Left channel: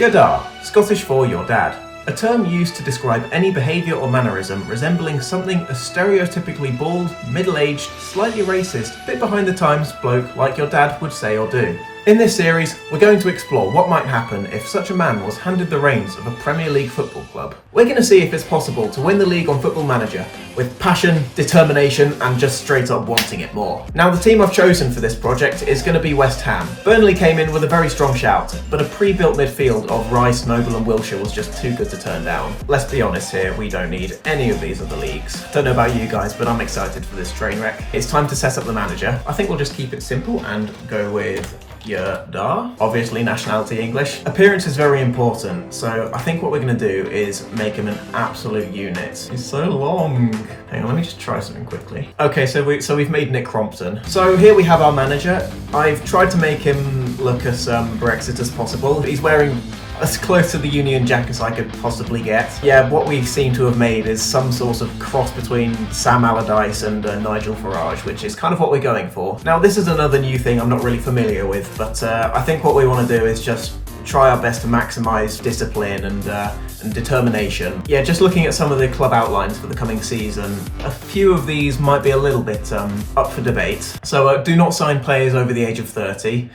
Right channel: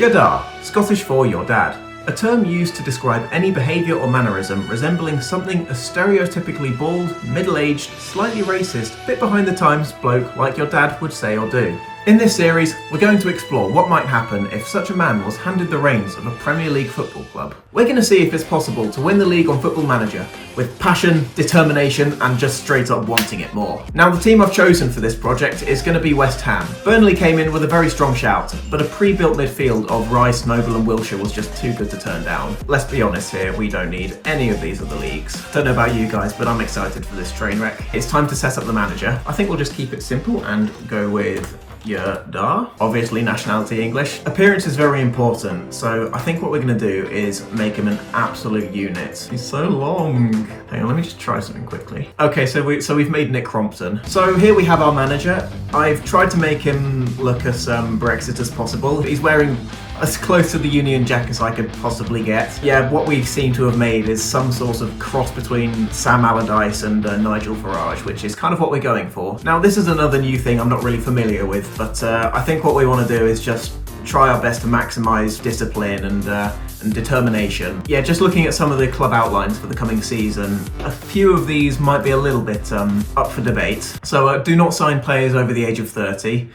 Yadar, Scottish for your dad. A term used to describe any behaviour or mannerism resembling something a stereotypically bald, middle-aged, slightly racist, bit behind the times bloke like your dad would say or do. In this series, we're going to explore what might happen if such a man was handed the reins of a Premier League football club. We're going to see if it's possible to win the league on Football Manager with passion, determination and just straight up wanting it more. Now the team I've chosen for this project is going to be West Ham. Burnley came in with a very strong shout, but a pre-built midfield of Rice, Noble and Wilshere was just too good to turn down. Let's be honest here, we don't need any of these other leagues. Don't know about you guys, but I'm excited for this train wreck. It's time to set up the manager. I think we'll just keep it simple and go with Yadar. Obviously nationality English. Appearance is very important, so I think what we're going to do is make him an absolute unit. He's so long. Hang on, let me just try something quickly. Okay, so we've made Nick Crompton. So here we have our manager. I've tried to make him look as Brexit as possible. He's wearing as close to the Union Jack as I could possibly get. Yeah, what we seem to have made is some sort of cross between Sam Allardyce and Nigel Farage, which is kind of what we're going for. Now, this is another new thing I'm not really familiar with, but I think what we want to do is just try our best to maximise discipline and determination. Yeah, just looking at some of the club outlines for the coming season, a few of these might be a little bit up for debate. So do not sign players over the age of 30.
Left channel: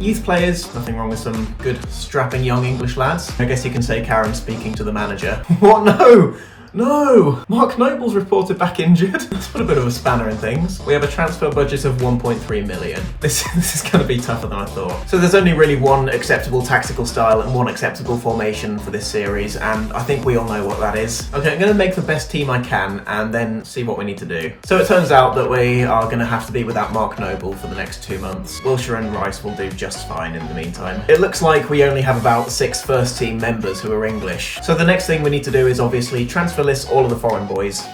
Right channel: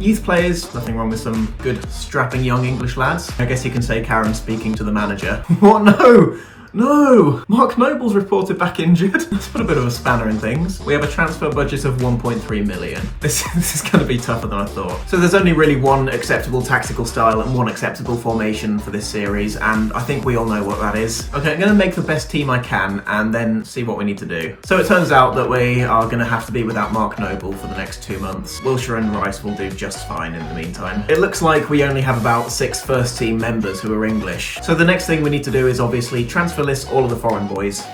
Youth players, nothing wrong with some good strapping young English lads. I guess you can say Karen speaking to the manager. What? No! Mark Noble's reported back injured. Let's put a bit of a spanner in things. We have a transfer budget of 1.3 million. This is going to be tougher than I thought. So there's only really one acceptable tactical style and one acceptable formation for this series, and I think we all know what that is. Okay, I'm going to make the best team I can and then see what we need to do. So it turns out that we are going to have to be without Mark Noble for the next 2 months. Wilshere and Rice will do just fine in the meantime. It looks like we only have about 6 first team members who are English. So the next thing we need to do is obviously transfer list all of the foreign boys.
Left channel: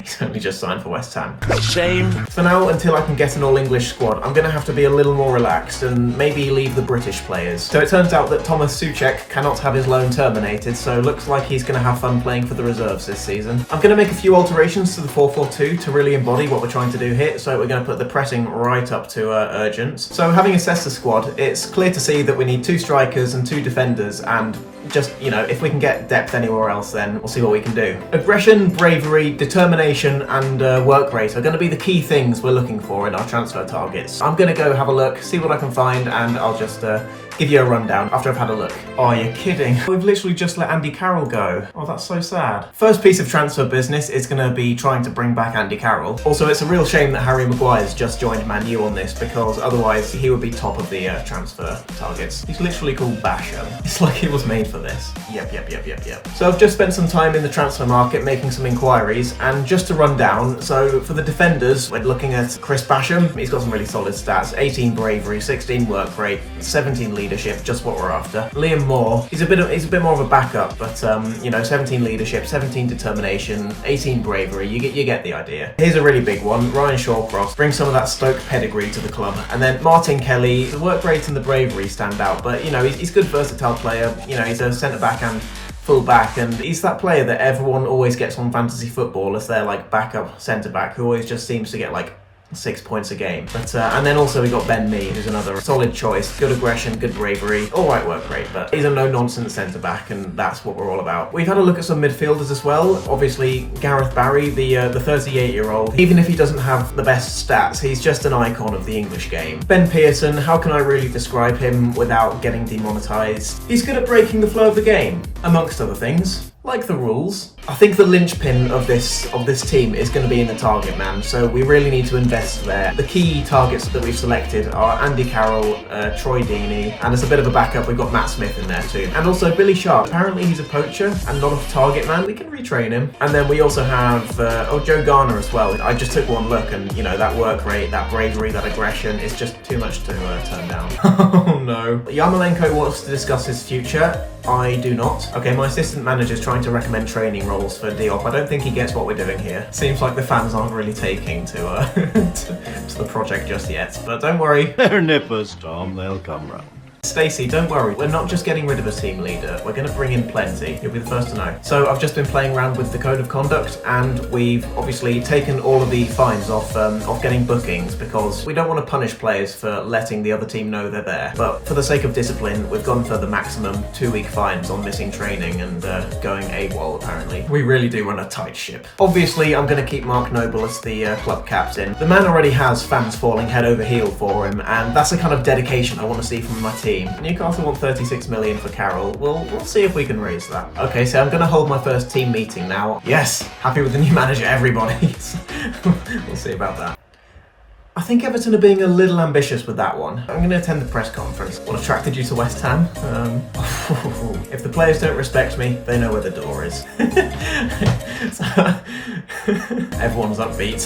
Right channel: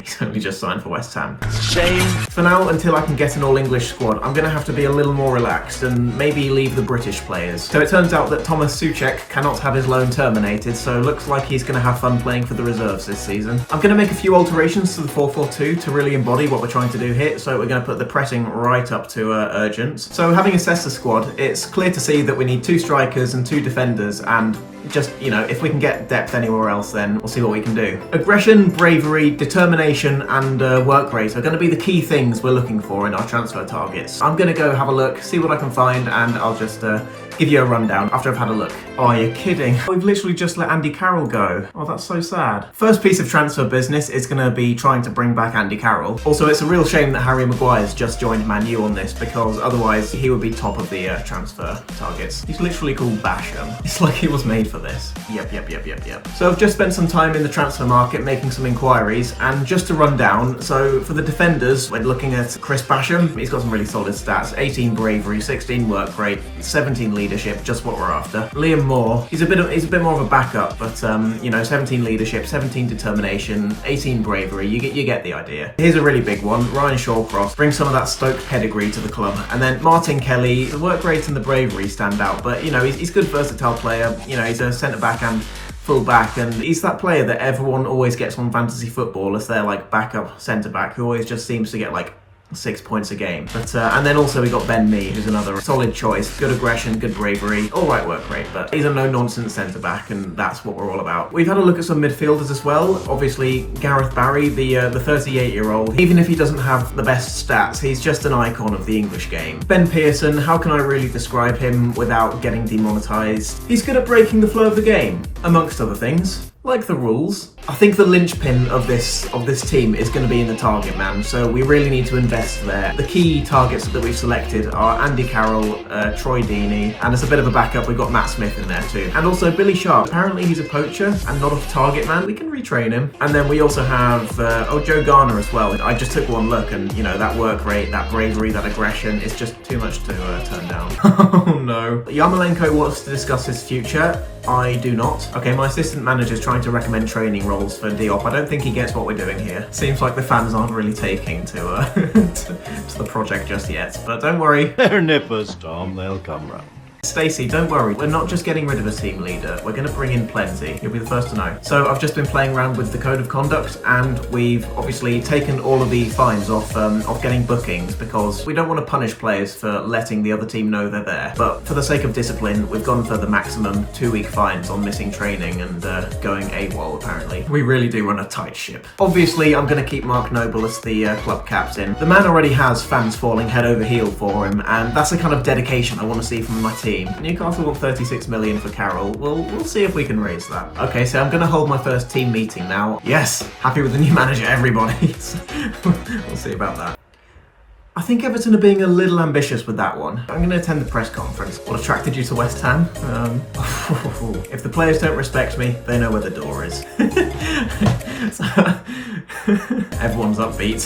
He's only just signed for West Ham. Shame. For now, until I can get an all-English squad, I'm going to have to be a little more relaxed and maybe leave the British players. So it turns out that Thomas Souček cannot have his loan terminated, so it looks like he's going to have fun playing for the reserves this season. I'm going to make a few alterations to the 4-4-2 to really embody what we're trying to do here, so we're going to put the pressing right up to urgent. So having assessed the squad, it's clear to see that we need 2 strikers and 2 defenders, and just, you know, if we can get depth anywhere else, then we'll see what we can do. Aggression, bravery, determination, and work rate are going to be the key things we're looking for in our transfer targets. I'm going to go have a look, see what I can find, and I'll just give you a rundown after I've had a look. Oh, you're kidding. We've literally just let Andy Carroll go. Oh, that's so sad. First piece of transfer business is going to be trying to bring back Andy Carroll. Also, it's a real shame that Harry Maguire's just joined Man U on this, because otherwise he would be top of the transfer targets. He's literally called Basham. It's like he was made for this. Yep. So I've just spent some time in the transfer market making some inquiries, and just to run down, so for the defenders, we're looking at Chris Basham. He's got some really solid stats: 18 bravery, 16 work rate, 17 leadership, just what we're after. Liam Moore, he's a bit more of a backup, but you know, 17 leadership, 17 determination, 18 bravery. You get the idea. Here's a really big one: Ryan Shawcross. Bring some of that Stoke pedigree to the club. And then Martin Kelly. The work rate and the bravery stand out, but you know, he's a good versatile player. You know, he's a centre back and full back, and he's that player that everyone always gets on fantasy football as their like backup centre back, who always just seems to get like 6 points a game. But and then also we got Ben Mee, who's another solid choice. Good aggression, good bravery, all right work rate, but he's a no-nonsense centre-back, and that's what we're all about. We've had a look at some midfielders as well. Obviously, Gareth Barry, the 38-year-old, even if he doesn't have the best stats, he's just an icon of the English game. Ben Pearson, how can I really describe him without getting demonetised? He's good at breaking the flow of the game, amongst other things. Like the rules. I think the linchpin of this team is going to be in the target man, so we really need to invest there. The key targets that we've selected are Andy Carroll, Troy Deeney, and as a bit of a backup we've got Matt Smith in there too. And also Billy Sharp. Apparently he's a poacher and not a target man. We can retrain him. And then we also have Joe Garner as well. I just took one look, and you know, that work rate, that bravery, that aggression is just too much to turn down. Oh no. Yarmolenko wants to discuss his future. I do not. Okay, my assistant manager's trying to recommend training roles for Diop. I don't think he gets what we're doing here. Seems like the fans aren't really taking to to the project just yet, but don't worry. They're nippers, Tom. They'll come round. Stacey, don't worry, we're not just getting rid of a team leader, we're going to bring in plenty. You'll be the first to know. So I've just been playing around with the code of conduct, and we've obviously taken all of the fines off getting bookings, because we don't want to punish players for letting the other team know they're there. But for the sake of discipline, we've gone for the maximum 2-week fines on missing training and going AWOL, apparently. We really do run a tight ship. Obviously, I'm going to keep Mark Noble as the club captain. The man already has fans falling head over heel for him, and that's the kind of dedication I want to see from my team. Newcastle want 36 million for Carroll. We'll see if we can raise that. Okay, so I'm going to hold my first team meeting now. Yes, happy with the new manager, everybody. We'll see about that. I think Everton are being a little ambitious with that one. I'm going to attend the press conference. What attracted you to West Ham? If the players don't respect me, they know where the door is. Everyone's upbeat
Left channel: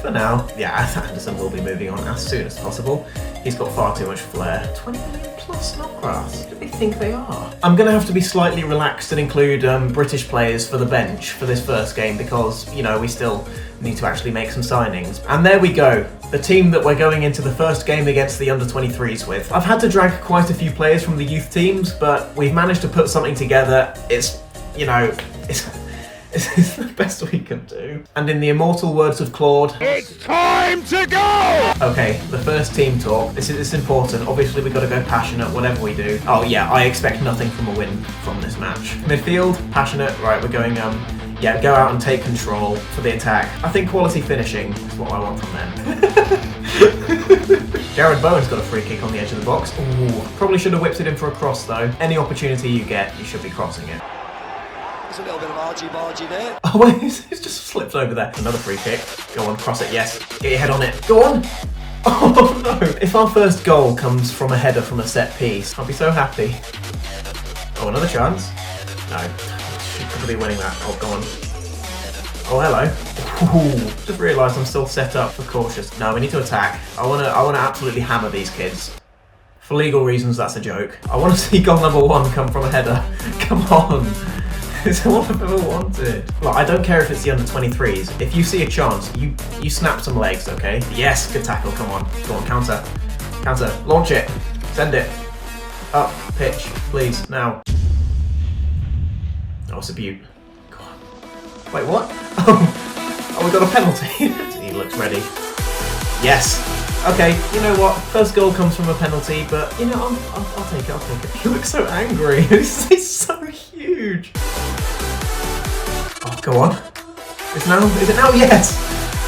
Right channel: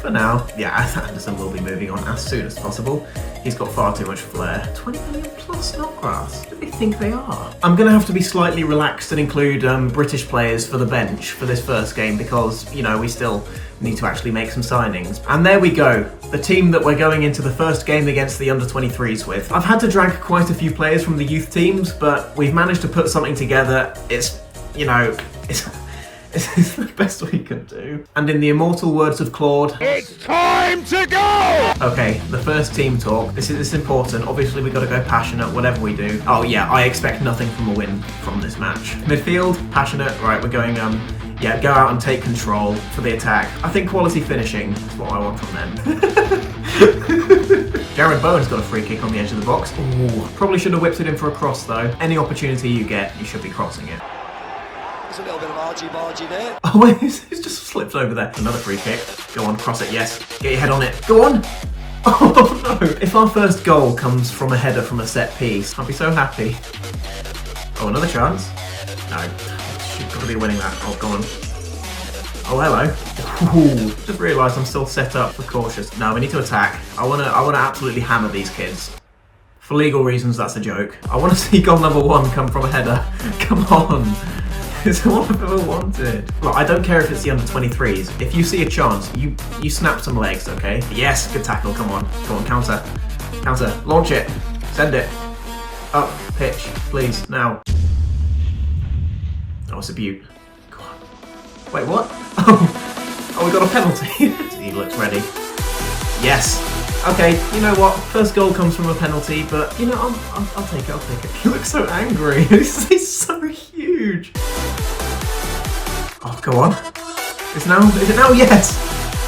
for now. Yeah, Anderson will be moving on as soon as possible. He's got far too much flair. 20 million plus Snodgrass. Who do they think they are? I'm going to have to be slightly relaxed and include British players for the bench for this first game because, you know, we still need to actually make some signings. And there we go. The team that we're going into the first game against the under-23s with. I've had to drag quite a few players from the youth teams, but we've managed to put something together. It's, you know, it's the best we can do. And in the immortal words of Claude, it's time to go! Okay, the first team talk. This is important. Obviously, we've got to go passionate, whatever we do. Oh yeah, I expect nothing from a win from this match. Midfield, passionate. Right, we're going, yeah, go out and take control for the attack. I think quality finishing is what I want from them. Jared Bowen's got a free kick on the edge of the box. Ooh, probably should have whipped it in for a cross though. Any opportunity you get, you should be crossing it. There's a little bit of argy-bargy there. Oh wait, it's just slipped over there. Another free kick. Go on, cross it, yes. Get your head on it. Go on! Oh no! If our first goal comes from a header from a set piece, I'll be so happy. Oh, another chance. No. Should probably be winning that. Oh, go on. Oh, hello. Ooh, just realised I'm still set up for cautious. No, we need to attack. I wanna absolutely hammer these kids. For legal reasons, that's a joke. I want to see goal number 1 come from a header. Come on. It's all I've ever wanted. Look, I don't care if it's the under-23s. If you see a chance, you snap some legs, okay? Yes, good tackle. Come on. Go on, counter. Counter. Launch it. Send it. Up. Pitch. Please. Now. Oh, it's a beaut. Go on. Wait, what? Oh, we got a penalty. He looks ready. Yes. Okay, you know what? First goal comes from a penalty, but you know, I'll take it. I'll take it. He looks so angry. He's so huge. Oh, go on. Is it now? Yes.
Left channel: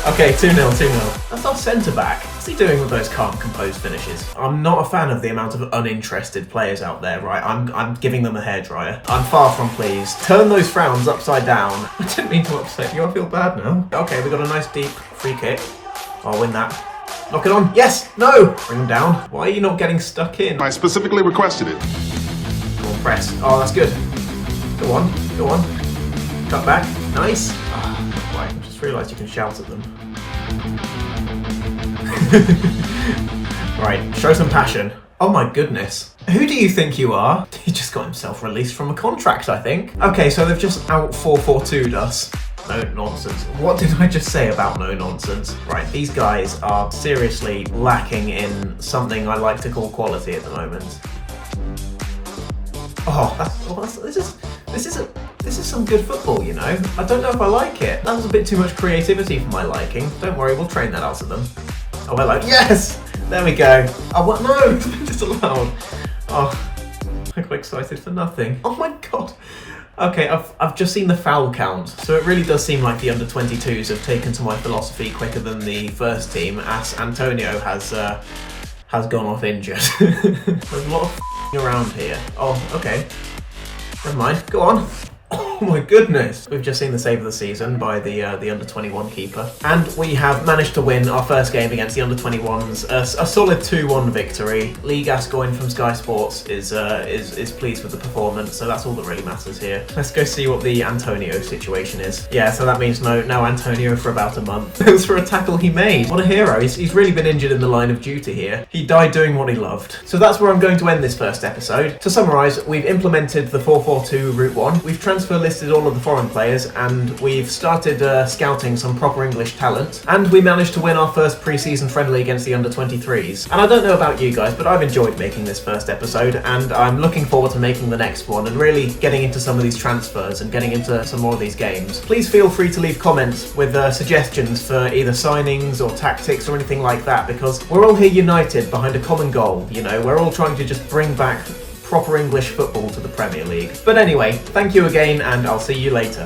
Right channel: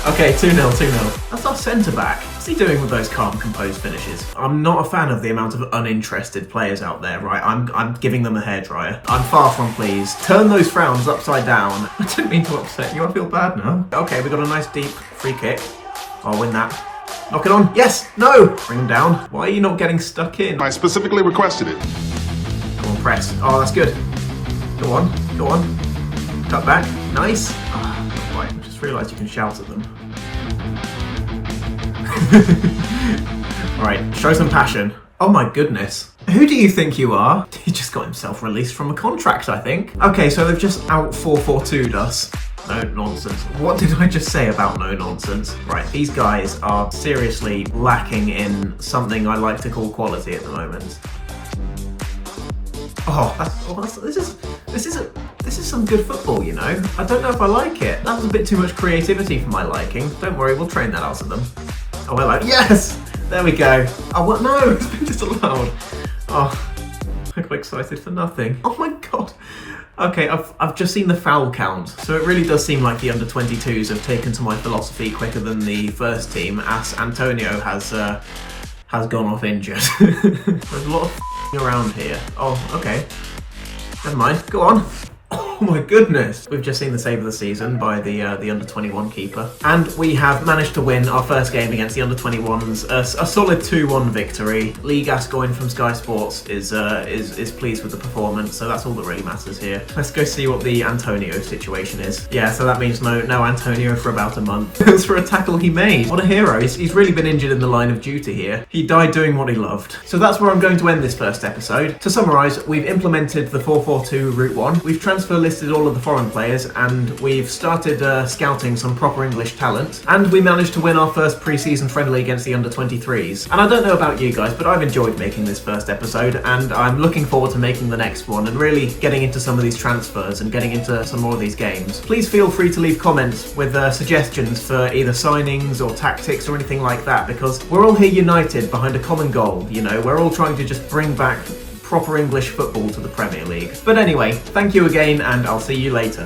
Okay, 2-0, 2-0. That's our centre back. What's he doing with those calm, composed finishes? I'm not a fan of the amount of uninterested players out there, right? I'm giving them a hairdryer. I'm far from pleased. Turn those frowns upside down. I didn't mean to upset you. I feel bad now. Okay, we got a nice deep free kick. I'll win that. Knock it on. Yes. No. Bring him down. Why are you not getting stuck in? I specifically requested it. Go on, press. Oh, that's good. Go on. Go on. Cut back. Nice. Oh, right. I just realised you can shout at them. Right. Show some passion. Oh my goodness. Who do you think you are? He just got himself released from a contract, I think. Okay, so they've just out 4-4-2'd us. No nonsense. What did I just say about no nonsense? Right, these guys are seriously lacking in something I like to call quality at the moment. This is some good football, you know. I don't know if I like it. That was a bit too much creativity for my liking. Don't worry, we'll train that out of them. Oh, hello. Yes! There we go. Oh, what? No, it's been disallowed. Oh, I got excited for nothing. Oh my god. Okay, I've just seen the foul count, so it really does seem like the under-22s have taken to my philosophy quicker than the first team, as Antonio has gone off injured. There's a lot of around here. Oh, okay. Never mind. Go on. Oh my goodness. We've just seen the save of the season by the under-21 keeper. And we have managed to win our first game against the under-21s. A solid 2-1 victory. Lee Gascoigne from Sky Sports is pleased with the performance, so that's all that really matters here. Let's go see what the Antonio situation is. Yeah, so that means no Antonio for about a month. It was for a tackle he made. What a hero. He's really been injured in the line of duty here. He died doing what he loved. So that's where I'm going to end this first episode. To summarise, we've implemented the 4-4-2 Route 1. We've transfer listed listed all of the foreign players, and we've started scouting some proper English talent, and we managed to win our first pre-season friendly against the under-23s. And I don't know about you guys, but I've enjoyed making this first episode, and I'm looking forward to making the next one and really getting into some of these transfers and getting into some more of these games. Please feel free to leave comments with suggestions for either signings or tactics or anything like that, because we're all here united behind a common goal. You know, we're all trying to just bring back proper English football to the Premier League. But anyway, thank you again, and I'll see you later.